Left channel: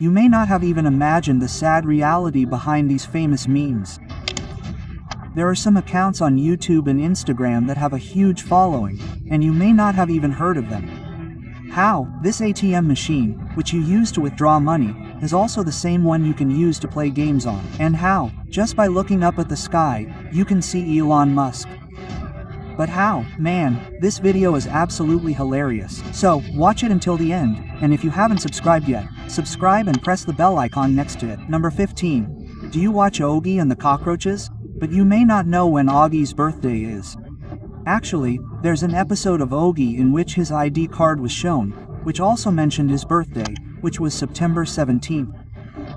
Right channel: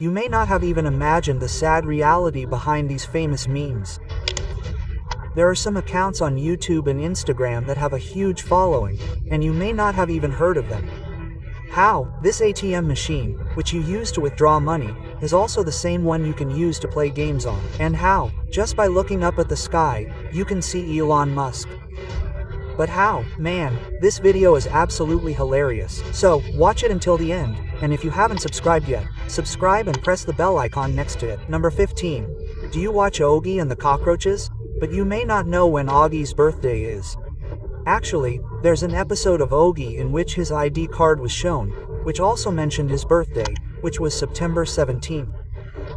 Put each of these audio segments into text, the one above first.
You may not have even imagined the sad reality behind these famous memes. There are some accounts on YouTube and Instagram that have a huge following, and you may not have even heard of them. How? This ATM machine, which you use to withdraw money, is also the same one you can use to play games on. And how? Just by looking up at the sky, you can see Elon Musk. But how? Man, this video is absolutely hilarious. So, watch it until the end, and if you haven't subscribed yet, subscribe and press the bell icon next to it. Number 15. Do you watch Augie and the Cockroaches? But you may not know when Augie's birthday is. Actually, there's an episode of Augie in which his ID card was shown, which also mentioned his birthday, which was September 17th.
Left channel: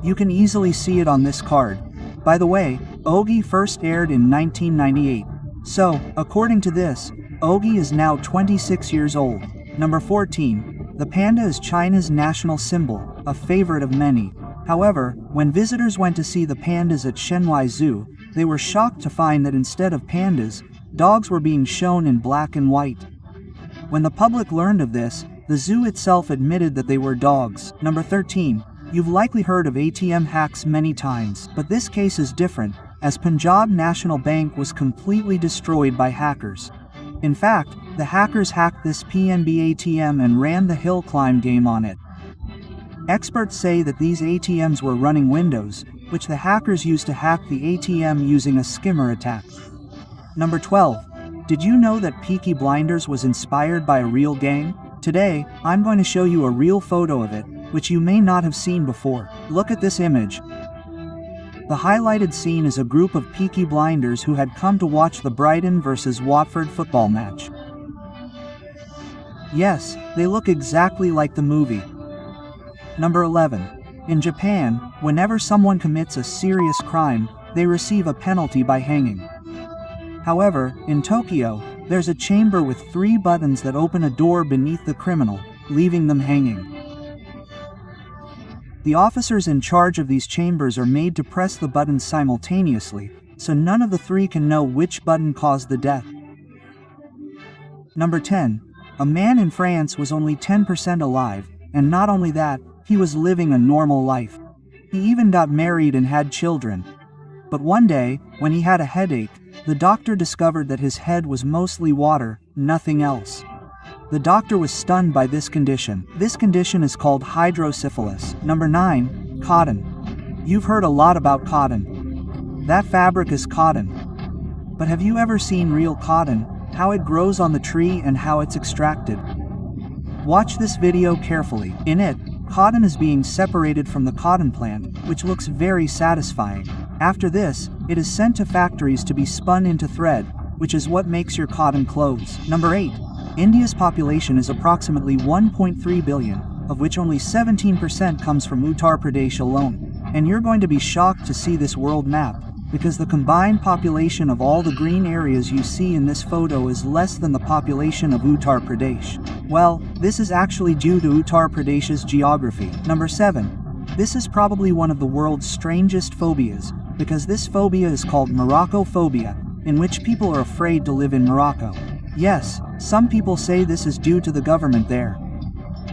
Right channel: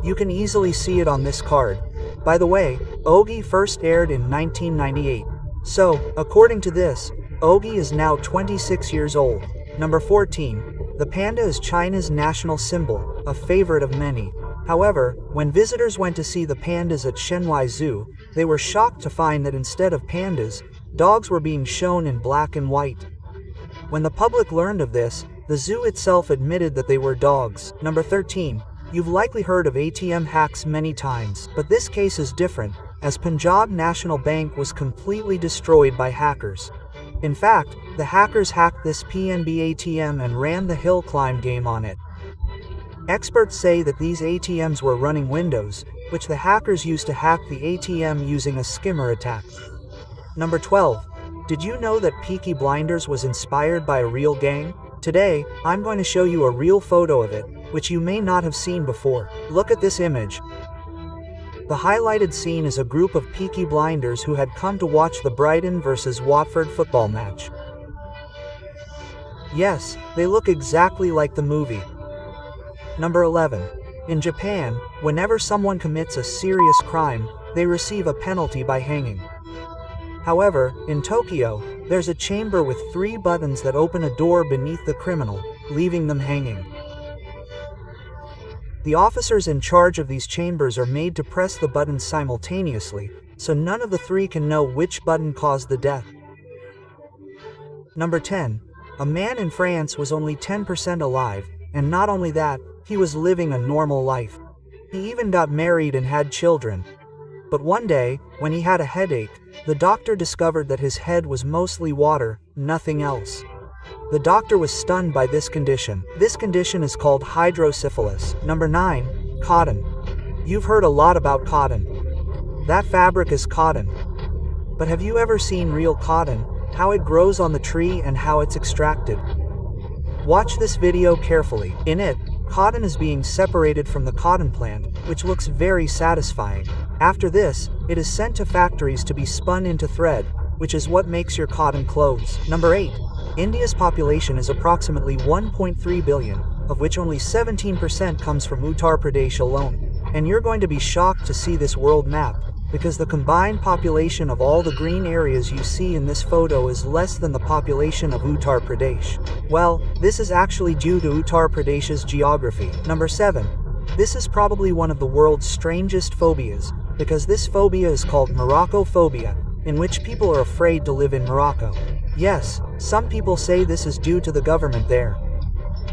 You can easily see it on this card. By the way, Augie first aired in 1998. So, according to this, Augie is now 26 years old. Number 14. The panda is China's national symbol, a favorite of many. However, when visitors went to see the pandas at Shenhua Zoo, they were shocked to find that instead of pandas, dogs were being shown in black and white. When the public learned of this, the zoo itself admitted that they were dogs. Number 13. You've likely heard of ATM hacks many times, but this case is different, as Punjab National Bank was completely destroyed by hackers. In fact, the hackers hacked this PNB ATM and ran the hill climb game on it. Experts say that these ATMs were running Windows, which the hackers used to hack the ATM using a skimmer attack. Number 12. Did you know that Peaky Blinders was inspired by a real gang? Today, I'm going to show you a real photo of it, which you may not have seen before. Look at this image. The highlighted scene is a group of Peaky Blinders who had come to watch the Brighton vs Watford football match. Yes, they look exactly like the movie. Number 11. In Japan, whenever someone commits a serious crime, they receive a penalty by hanging. However, in Tokyo, there's a chamber with 3 buttons that open a door beneath the criminal, leaving them hanging. The officers in charge of these chambers are made to press the buttons simultaneously, so none of the 3 can know which button caused the death. Number 10. A man in France was only 10% alive, and not only that, he was living a normal life. He even got married and had children. But one day, when he had a headache, the doctor discovered that his head was mostly water, nothing else. The doctor was stunned by this condition. This condition is called hydrocephalus. Number 9. Cotton. You've heard a lot about cotton. That fabric is cotton. But have you ever seen real cotton, how it grows on the tree and how it's extracted? Watch this video carefully. In it, cotton is being separated from the cotton plant, which looks very satisfying. After this, it is sent to factories to be spun into thread, which is what makes your cotton clothes. Number 8. India's population is approximately 1.3 billion, of which only 17% comes from Uttar Pradesh alone. And you're going to be shocked to see this world map, because the combined population of all the green areas you see in this photo is less than the population of Uttar Pradesh. Well, this is actually due to Uttar Pradesh's geography. Number 7. This is probably one of the world's strangest phobias, because this phobia is called Moroccophobia, in which people are afraid to live in Morocco. Yes, some people say this is due to the government there.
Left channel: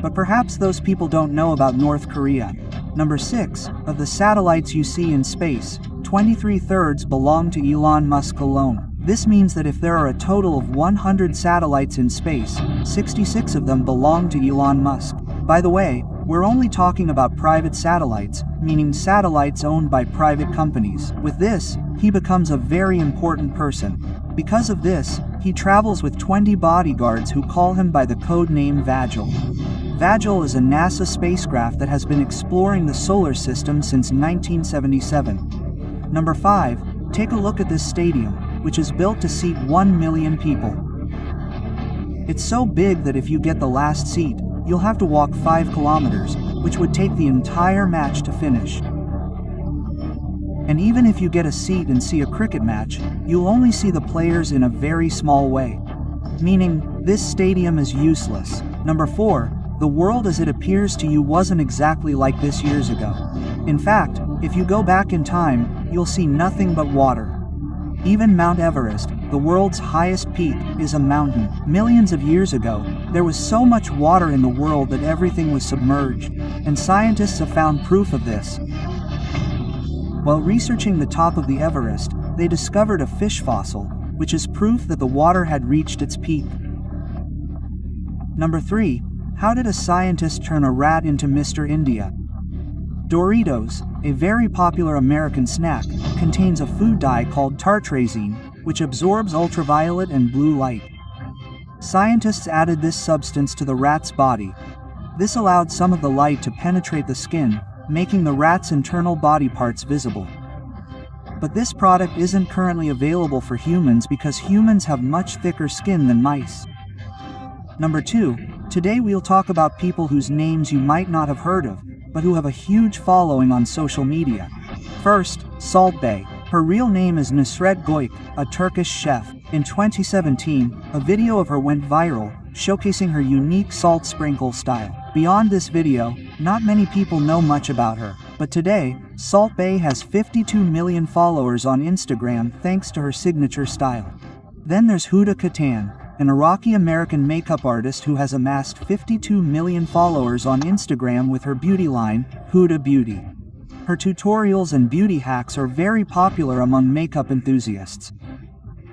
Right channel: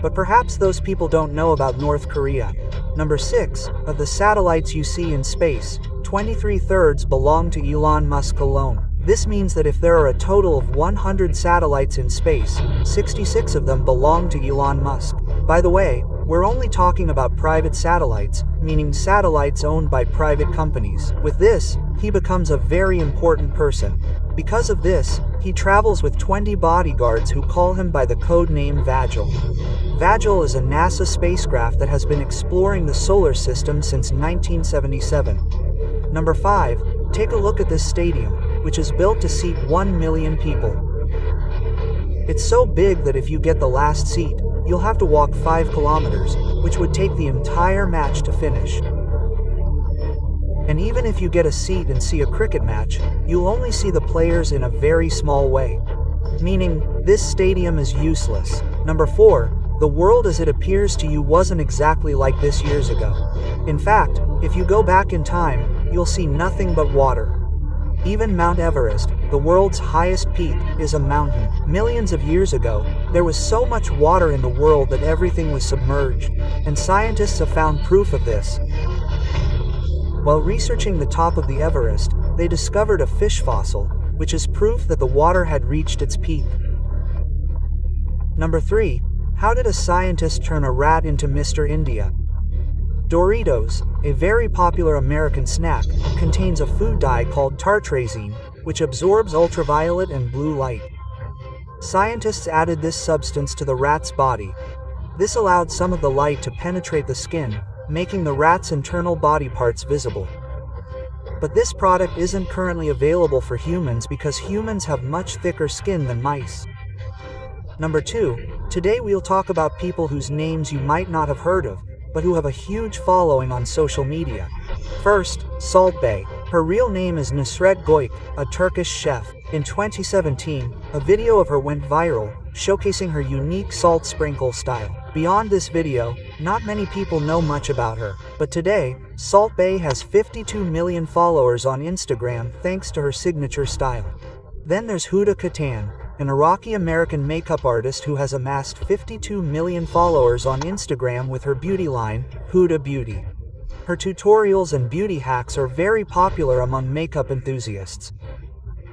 But perhaps those people don't know about North Korea. Number 6. Of the satellites you see in space, 23/3 belong to Elon Musk alone. This means that if there are a total of 100 satellites in space, 66 of them belong to Elon Musk. By the way, we're only talking about private satellites, meaning satellites owned by private companies. With this, he becomes a very important person. Because of this, he travels with 20 bodyguards who call him by the code name Vagil. Vagil is a NASA spacecraft that has been exploring the solar system since 1977. Number 5. Take a look at this stadium, which is built to seat 1 million people. It's so big that if you get the last seat, you'll have to walk 5 kilometers, which would take the entire match to finish. And even if you get a seat and see a cricket match, you'll only see the players in a very small way. Meaning, this stadium is useless. Number 4. The world as it appears to you wasn't exactly like this years ago. In fact, if you go back in time, you'll see nothing but water. Even Mount Everest, the world's highest peak, is a mountain. Millions of years ago, there was so much water in the world that everything was submerged, and scientists have found proof of this. While researching the top of the Everest, they discovered a fish fossil, which is proof that the water had reached its peak. Number 3. How did a scientist turn a rat into Mr. India? Doritos, a very popular American snack, contains a food dye called tartrazine, which absorbs ultraviolet and blue light. Scientists added this substance to the rat's body. This allowed some of the light to penetrate the skin, making the rat's internal body parts visible. But this product isn't currently available for humans because humans have much thicker skin than mice. Number 2. Today we'll talk about people whose names you might not have heard of, but who have a huge following on social media. First, Salt Bae. Her real name is Nusret Goik, a Turkish chef. In 2017, a video of her went viral, showcasing her unique salt sprinkle style. Beyond this video, not many people know much about her, but today, Salt Bae has 52 million followers on Instagram thanks to her signature style. Then there's Huda Kattan, an Iraqi-American makeup artist who has amassed 52 million followers on Instagram with her beauty line, Huda Beauty. Her tutorials and beauty hacks are very popular among makeup enthusiasts.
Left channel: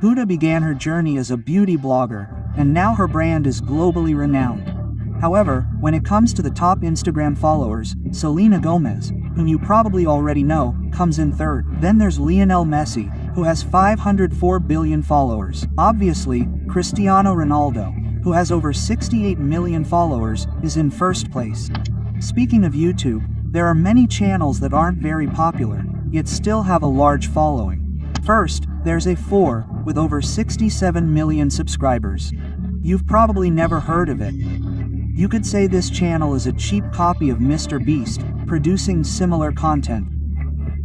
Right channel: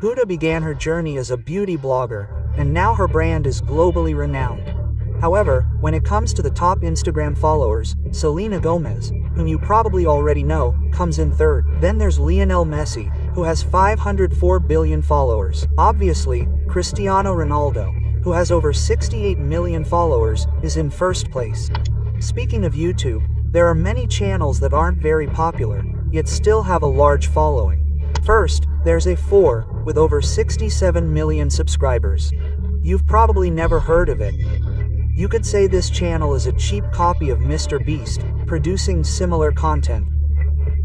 Huda began her journey as a beauty blogger, and now her brand is globally renowned. However, when it comes to the top Instagram followers, Selena Gomez, whom you probably already know, comes in third. Then there's Lionel Messi, who has 504 billion followers. Obviously, Cristiano Ronaldo, who has over 68 million followers, is in first place. Speaking of YouTube, there are many channels that aren't very popular, yet still have a large following. First, there's A4, with over 67 million subscribers. You've probably never heard of it. You could say this channel is a cheap copy of Mr. Beast, producing similar content.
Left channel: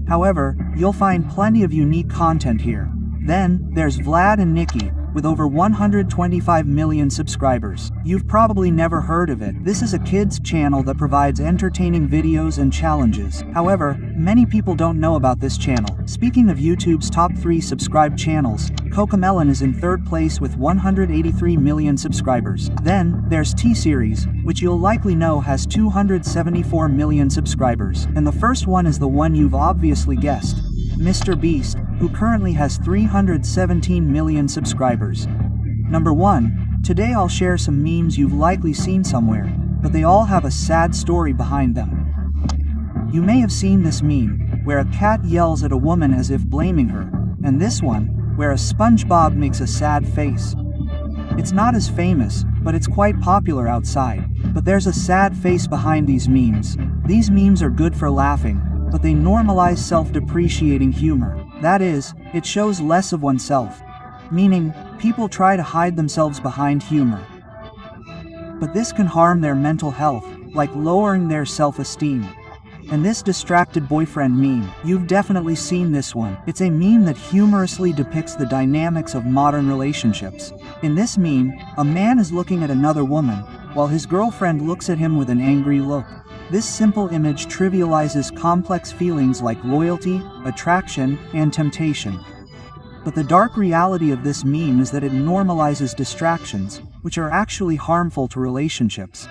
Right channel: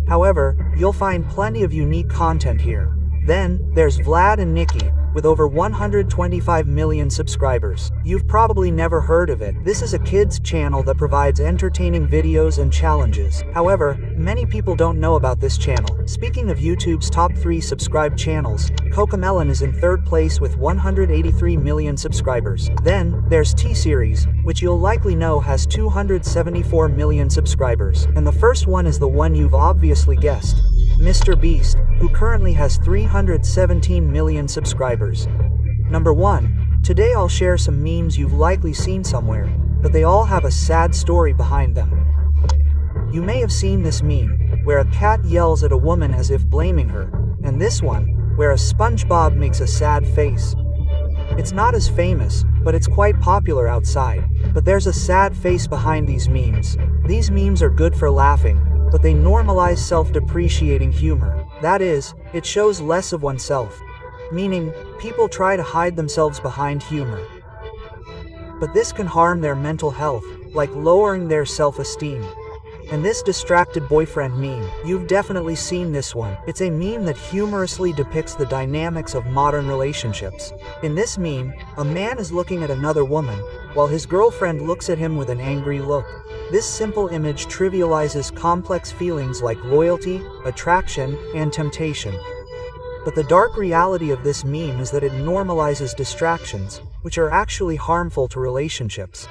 However, you'll find plenty of unique content here. Then, there's Vlad and Nikki, with over 125 million subscribers. You've probably never heard of it. This is a kids channel that provides entertaining videos and challenges. However, many people don't know about this channel. Speaking of YouTube's top 3 subscribed channels, Cocomelon is in third place with 183 million subscribers. Then, there's T-Series, which you'll likely know has 274 million subscribers. And the first one is the one you've obviously guessed, Mr. Beast, who currently has 317 million subscribers. Number 1. Today I'll share some memes you've likely seen somewhere, but they all have a sad story behind them. You may have seen this meme, where a cat yells at a woman as if blaming her, and this one, where a SpongeBob makes a sad face. It's not as famous, but it's quite popular outside. But there's a sad face behind these memes. These memes are good for laughing, but they normalize self-depreciating humor. That is, it shows less of oneself. Meaning, people try to hide themselves behind humor. But this can harm their mental health, like lowering their self-esteem. And this distracted boyfriend meme, you've definitely seen this one. It's a meme that humorously depicts the dynamics of modern relationships. In this meme, a man is looking at another woman, while his girlfriend looks at him with an angry look. This simple image trivializes complex feelings like loyalty, attraction, and temptation. But the dark reality of this meme is that it normalizes distractions, which are actually harmful to relationships.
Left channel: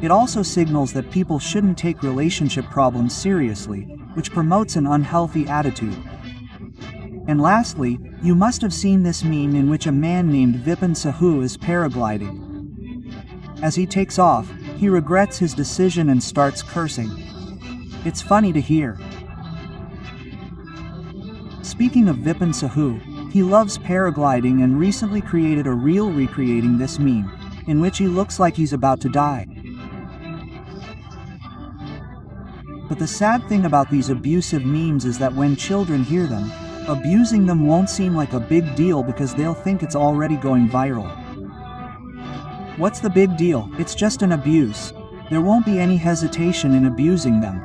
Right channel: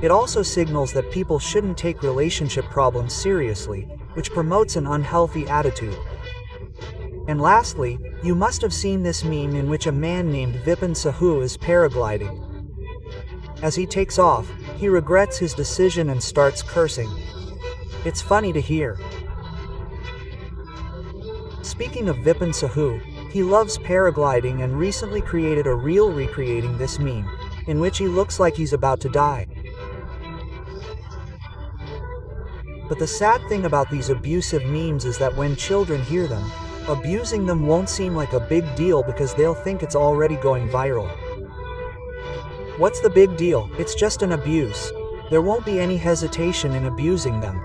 It also signals that people shouldn't take relationship problems seriously, which promotes an unhealthy attitude. And lastly, you must have seen this meme in which a man named Vipin Sahu is paragliding. As he takes off, he regrets his decision and starts cursing. It's funny to hear. Speaking of Vipin Sahu, he loves paragliding and recently created a reel recreating this meme, in which he looks like he's about to die. But the sad thing about these abusive memes is that when children hear them, abusing them won't seem like a big deal because they'll think it's already going viral. What's the big deal? It's just an abuse. There won't be any hesitation in abusing them.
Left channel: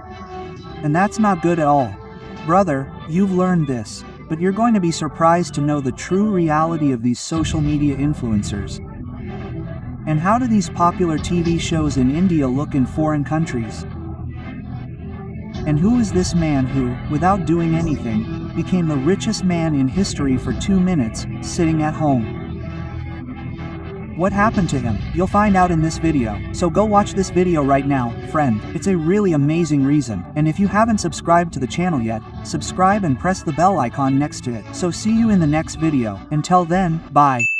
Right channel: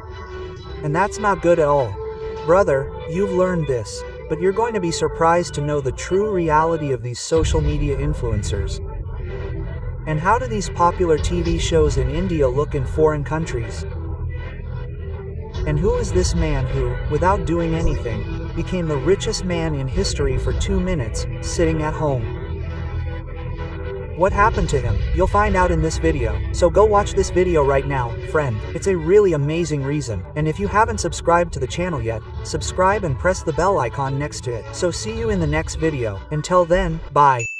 And that's not good at all. Brother, you've learned this, but you're going to be surprised to know the true reality of these social media influencers. And how do these popular TV shows in India look in foreign countries? And who is this man who, without doing anything, became the richest man in history for 2 minutes, sitting at home? What happened to him? You'll find out in this video, so go watch this video right now, friend. It's a really amazing reason, and if you haven't subscribed to the channel yet, subscribe and press the bell icon next to it. So see you in the next video. Until then, bye.